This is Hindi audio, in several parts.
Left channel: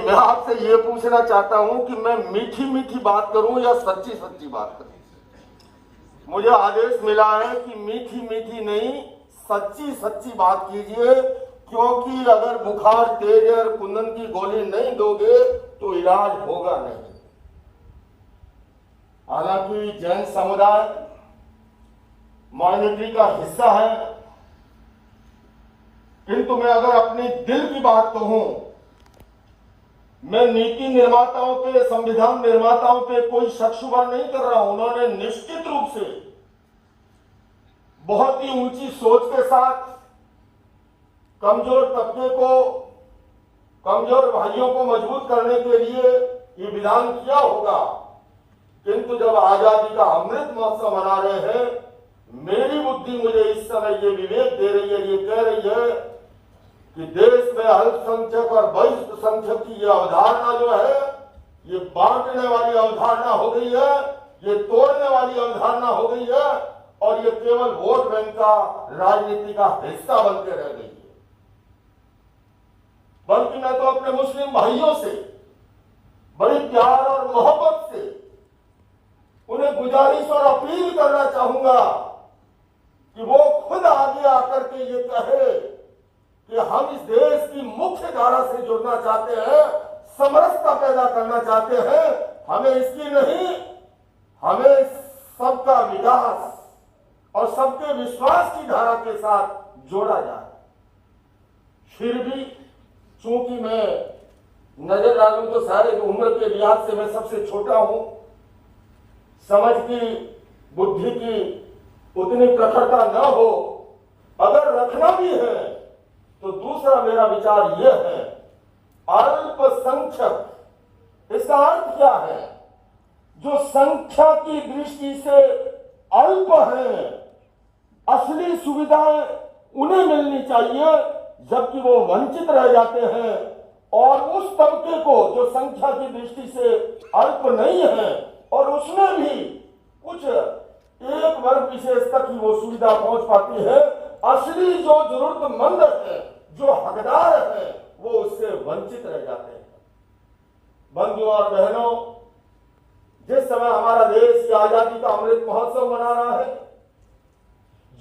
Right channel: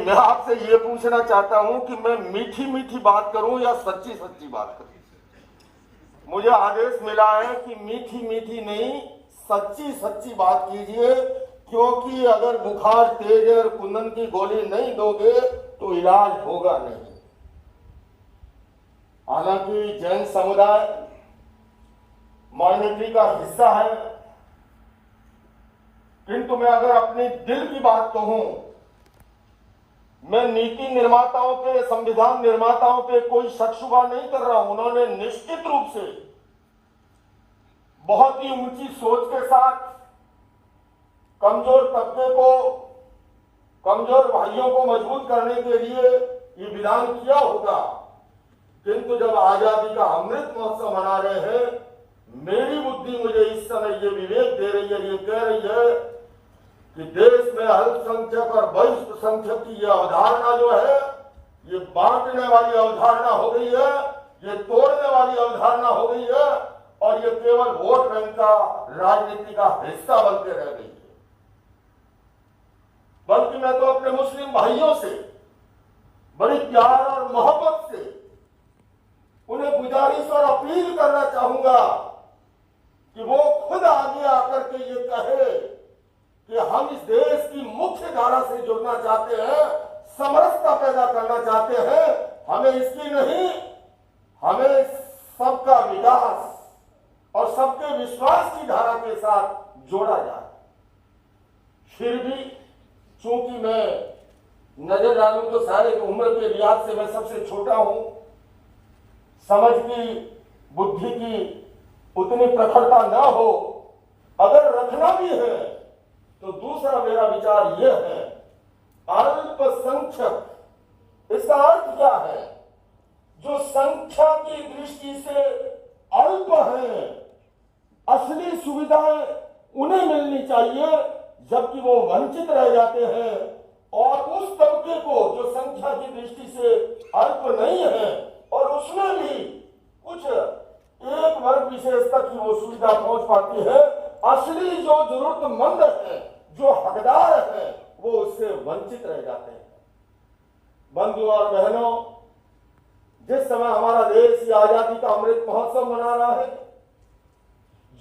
मैं आपसे ये पूछना चाहता हूं कि मैं मीठी मीठी बात करूं या सच्ची सच्ची बात करूं। मुझे आदेश मिला है कि मीठी मीठी नहीं, सच्ची सच्ची बात कीजिए, क्योंकि अगर बुखार तेज और कुंदन की गोली नहीं दोगे तो इलाज होगा नहीं। हालांकि जैन समुदाय माइनॉरिटी का हिस्सा है, किंतु मैं अगर अपनी दिल की बात कहूं, मैं नीति निर्माताओं पे, संविधान निर्माताओं पे कोई शक शुबा नहीं कर रहा हूं। उन्होंने निश्चित रूप से बहुत ही ऊंची सोच के साथ कमजोर तबके को, कमजोर भाइयों को मजबूत करने के लिए ये विधान किया होगा। किंतु जब आजादी का अमृत महोत्सव मना रहे हैं, मेरी बुद्धि मुझे इस समय ये विवेक दे रही है, ये कह रही है कि देश में अल्पसंख्यक और वरिष्ठ संख्यक की यह अवधारणा जो है, ये बांटने वाली अवधारणा हो गई है, ये तोड़ने वाली अवधारणा हो गई है, और ये केवल वोट बैंक का राजनीति का हिस्सा बनकर रह गई है। बल्कि मैं तो अपने मुस्लिम भाइयों से बड़ी प्यार और मोहब्बत से उन्हें गुजारिश और अपील करना चाहूंगा कि वो खुद आगे आकर के ये कहे कि हम इस देश की मुख्य धारा से जुड़ना चाहते हैं, समरसता पैदा करना चाहते हैं। हमें इसकी नहीं, हमें सबका विकास और सबके विश्वास की धारा के साथ जोड़ा जाए। फिर भी चूंकि मैं नजर डालूं तो सारे उम्र के लिहाज से मैं सबसे छोटा हूं, समझ की, बुद्धि की उतनी प्रखरता न हो, अगर रखना भी है तो दूसरा मेरा विचार यह है, अल्पसंख्यक, इसका अर्थ क्या है? जो संख्या की दृष्टि से अल्प हैं, असली सुविधाएं उन्हें मिलनी चाहिए, जबकि वो वंचित रह जाते हैं। और उस तबके को जो संख्या की दृष्टि से अल्प नहीं है, और उसमें भी कुछ एक वर्ग विशेष तक ही वो सुविधा पहुंच पाती है, असली जो जरूरतमंद है, जो हकदार है, वो उससे वंचित रह जाते हैं। बंधुओं और बहनों, जिस समय हमारा देश आजादी का अमृत महोत्सव मना रहा है,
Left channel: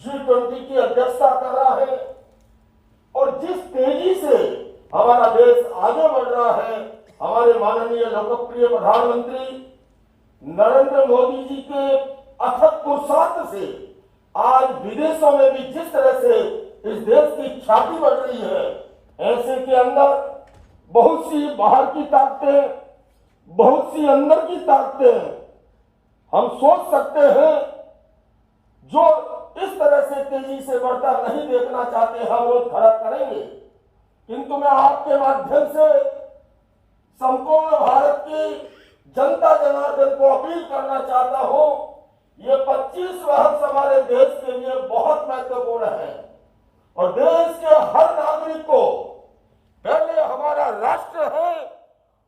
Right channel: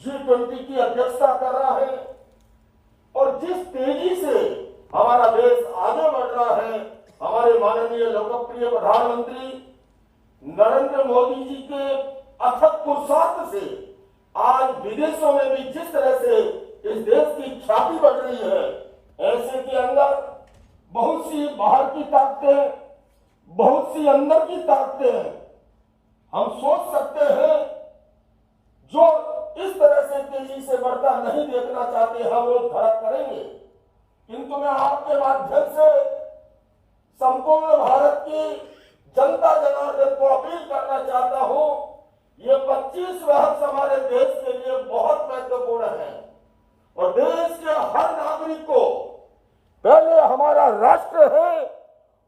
G20 की अध्यक्षता कर रहा है, और जिस तेजी से हमारा देश आगे बढ़ रहा है, हमारे माननीय लोकप्रिय प्रधानमंत्री नरेंद्र मोदी जी के अथक पुरुषार्थ से आज विदेशों में भी जिस तरह से इस देश की ख्याति बढ़ रही है, ऐसे के अंदर बहुत सी बाहर की ताकतें, बहुत सी अंदर की ताकतें हम सोच सकते हैं जो इस तरह से तेजी से बढ़ता नहीं देखना चाहते हैं, वो खड़ा करेंगे। किंतु मैं आपके माध्यम से संपूर्ण भारत की जनता जनार्दन को अपील करना चाहता हूं, ये 25 वर्ष हमारे देश के लिए बहुत महत्वपूर्ण है, और देश के हर नागरिक को पहले हमारा राष्ट्र है,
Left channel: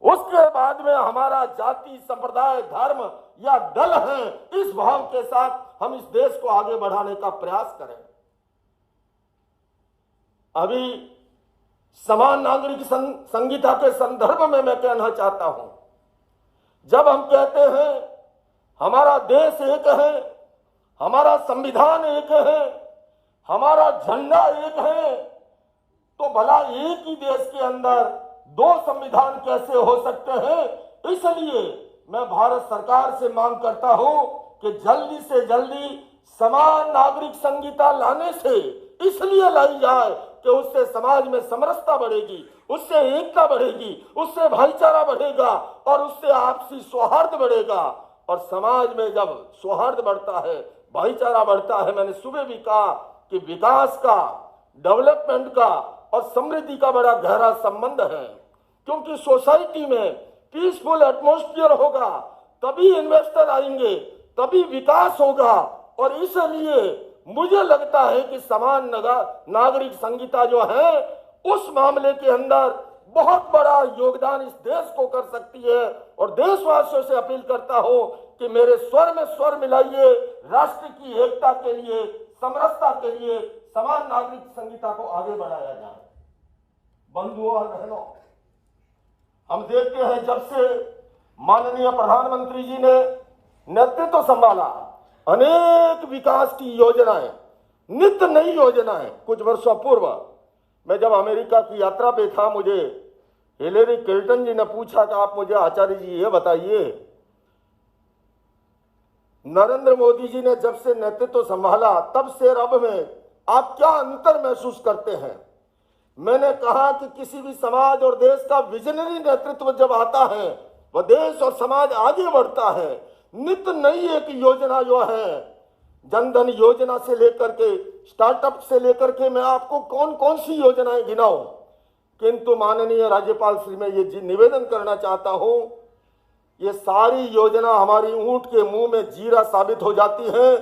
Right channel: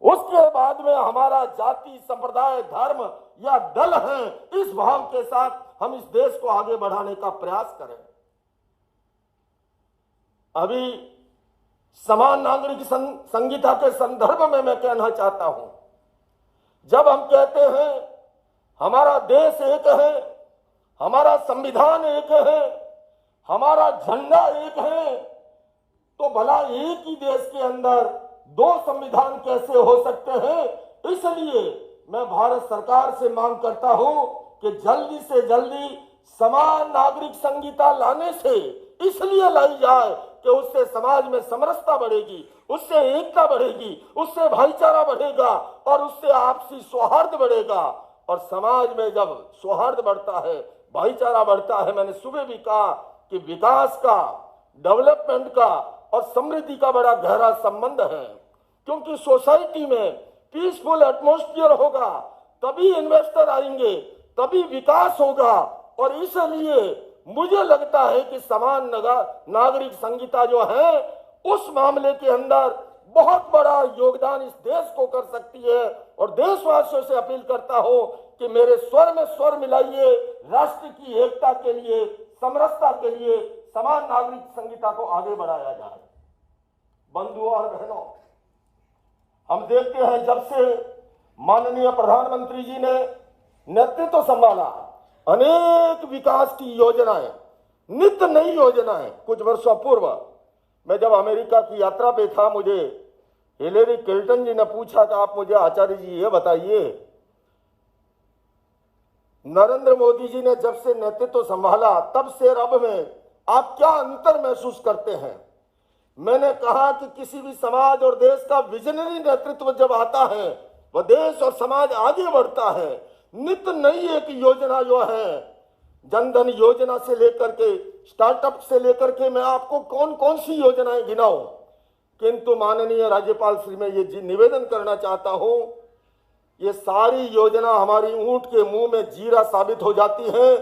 उसके बाद में हमारा जाति, संप्रदाय, धर्म या दल है। इस भाव के साथ हम इस देश को आगे बढ़ाने का प्रयास करें। अभी समान नागरिक संहिता के संदर्भ में मैं कहना चाहता हूं, जब हम कहते हैं हमारा देश एक है, हमारा संविधान एक है, हमारा झंडा एक है, तो भला एक ही देश के अंदर दो संविधान कैसे हो सकते हैं? इसलिए मैं भारत सरकार से मांग करता हूं कि जल्दी से जल्दी समान नागरिक संहिता लाने से इसलिए लाई जाए कि उससे समाज में समरसता बढ़ेगी, उससे एकता बढ़ेगी, उससे भाईचारा बढ़ेगा, और उससे आपसी सौहार्द बढ़ेगा। और समाज में जब सौहार्द बढ़ता है, भाईचारा बढ़ता है, मैंने सुबह भी कहा कि विकास का, डेवलपमेंट का और समृद्धि का बड़ा गहरा संबंध है। क्योंकि सोसाइटी में पीसफुल एटमॉस्फेयर होगा, तभी इन्वेस्टर आएंगे, तभी विकास होगा। और इसलिए मुझे लगता है कि समान नागरिक संहिता जो है, उस मामले के अंदर बहुत बड़ा योगदान इस देश को कर सकती है। और देशवासियों से अपील करता हूं कि मेरे स्वर में स्वर मिलाइए, राष्ट्र की एकता के लिए, समरसता के लिए समान नागरिक संहिता को आगे बढ़ाया जाए। बंधुओं और बहनों, हम देखते हैं जब से माननीय प्रधानमंत्री जी ने नेतृत्व संभाला, अनेक विकास की योजनाएं, नित्य नई योजनाएं। कुछ वर्षों पूर्व मैं जब अमेरिका की यात्रा पे था, मुझे हिलेरी क्लिंटन जी ने पूछा कि आप मुझे आचार्य जी ये बताइए, नरेंद्र मोदी जी ने जब से नेतृत्व संभाला तब से अब में आप क्या अंतर महसूस करते हैं। मैंने कहा कि किसी भी समाज और देश का विजनरी नेतृत्व जब आता है, वह देश और समाज आगे बढ़ता है। नित्य नई एक योजना जो है, जनधन योजना से लेकर के, स्टार्टअप से लेकर के, मैं आपको कौन कौन सी योजनाएं गिनाऊं, किंतु माननीय राज्यपाल श्री मैं ये निवेदन करना चाहता हूं, ये सारी योजना हमारी ऊंट के मुंह में जीरा साबित हो जाती है।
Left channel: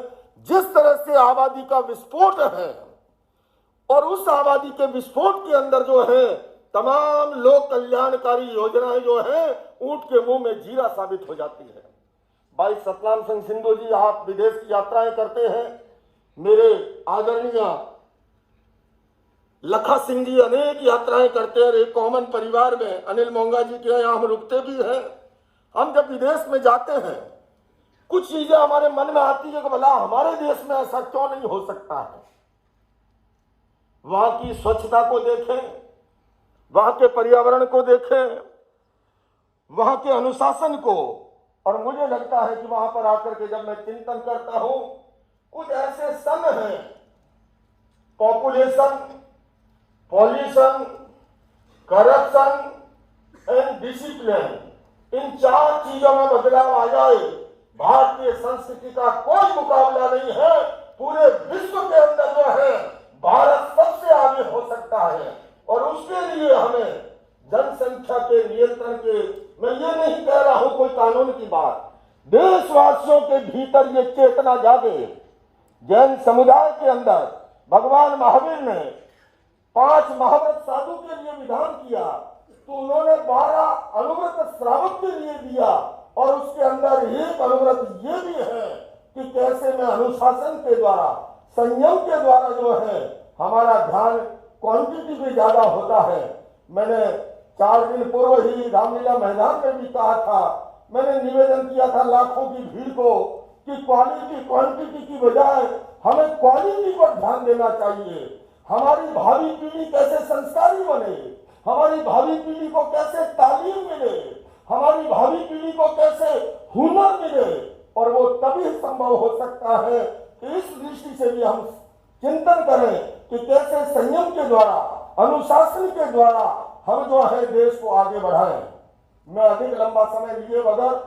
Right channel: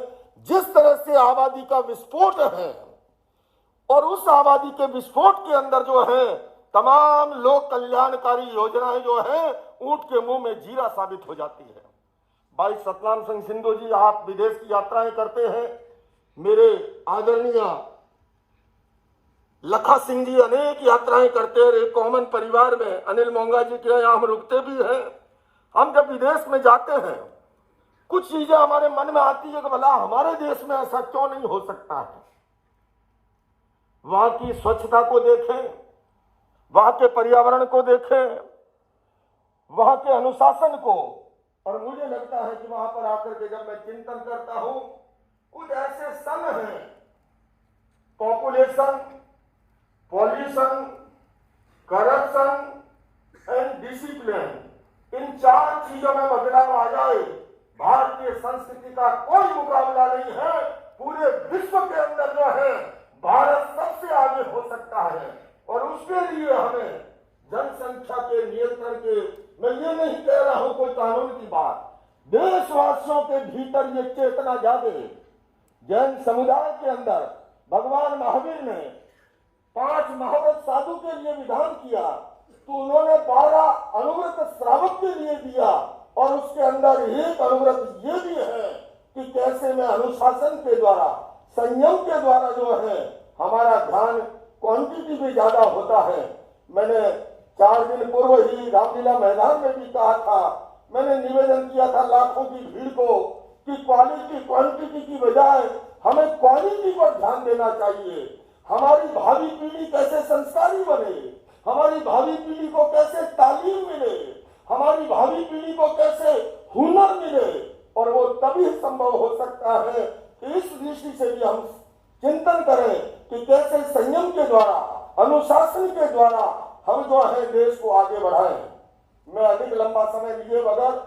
जिस तरह से आबादी का विस्फोट है और उस आबादी के विस्फोट के अंदर जो है तमाम लोक कल्याणकारी योजनाएं जो है ऊंट के मुंह में जीरा साबित हो जाती है। भाई सतनाम सिंह सिंधु जी, आप विदेश की यात्राएं करते हैं, मेरे आदरणीय लखा सिंह जी अनेक यात्राएं करते हैं। एक कॉमन परिवार में अनिल मोंगा जी के यहाँ हम रुकते भी हैं। हम जब विदेश में जाते हैं, कुछ चीजें हमारे मन में आती है कि भला हमारे देश में ऐसा क्यों नहीं हो सकता है। वहां की स्वच्छता को देखें, वहां के पर्यावरण को देखें, वहां के अनुशासन को, और मुझे लगता है कि वहां पर आकर के जब मैं चिंतन करता हूं, कुछ ऐसे संघ हैं, population, pollution, corruption and discipline, इन 4 चीजों में बदलाव आ जाए, भारतीय संस्कृति का कोई मुकाबला नहीं है। पूरे विश्व के अंदर जो है भारत सबसे आगे हो सकता है। और उसके लिए हमें जनसंख्या के नियंत्रण के, मैं ये नहीं कह रहा हूं कोई कानून की बात, देशवासियों के भीतर ये चेतना जागे। जैन समुदाय के अंदर भगवान महावीर ने 5 महाव्रत साधु के लिए विधान किया, तो उन्होंने 12 अनुव्रत श्रावक के लिए दिया, और उसके अंदर एक अनुव्रत ये भी है कि कैसे में अनुशासन के द्वारा, संयम के द्वारा जो है हमारा ध्यान क्वांटिटी में ज्यादा होता है। मैंने 4 दिन पूर्व ही रामलीला मैदान में भी कहा था, मैंने निवेदन किया था लाखों की भीड़ को कि क्वालिटी क्वांटिटी की बजाय हमें क्वालिटी पर ध्यान देना चाहिए। हमारी भावी पीढ़ी कैसे संस्कारी बने, हमारी भावी पीढ़ी को कैसे तालीम मिले, हमारी भावी पीढ़ी को कैसे हुनर मिले, और वो तभी संभव हो सकता है कि इस दृष्टि से भी हम चिंतन करें कि कैसे संयम के द्वारा, अनुशासन के द्वारा हम जो है देश को आगे बढ़ाएं। मैं अधिक लंबा समय लिए बगैर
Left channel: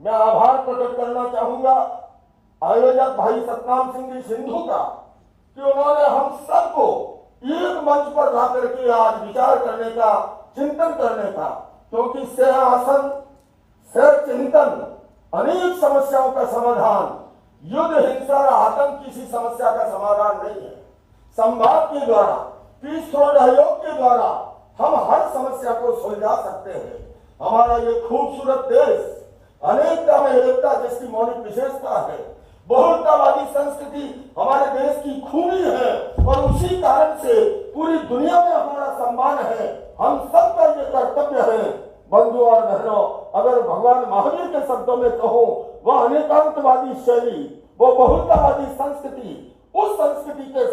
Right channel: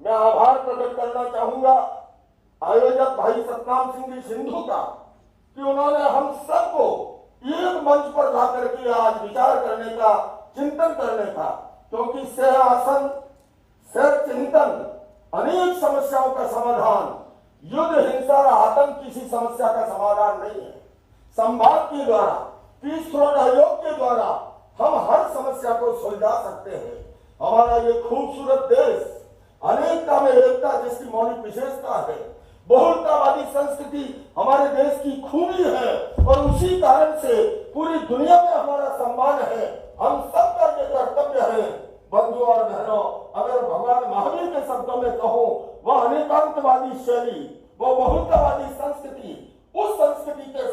मैं आभार प्रकट करना चाहूंगा आयोजक भाई सतनाम सिंह जी सिंधु का, कि उन्होंने हम सबको एक मंच पर ला करके आज विचार करने का, चिंतन करने का, क्योंकि सहआसन, सह चिंतन अनेक समस्याओं का समाधान, युद्ध, हिंसा, आतंक किसी समस्या का समाधान नहीं है। संवाद के द्वारा, पीस सहयोग के द्वारा हम हर समस्या को सुलझा सकते हैं। हमारा ये खूबसूरत देश अनेकता में एकता जिसकी मौलिक विशेषता है, बहुलतावादी संस्कृति हमारे देश की खूबी है, और उसी कारण से पूरी दुनिया में हमारा सम्मान है। हम सबका ये कर्तव्य है, बंधुओं और बहनों, अगर भगवान महावीर के शब्दों में कहो, वह अनेकांतवादी शैली, वो बहुलतावादी संस्कृति, उस संस्कृति के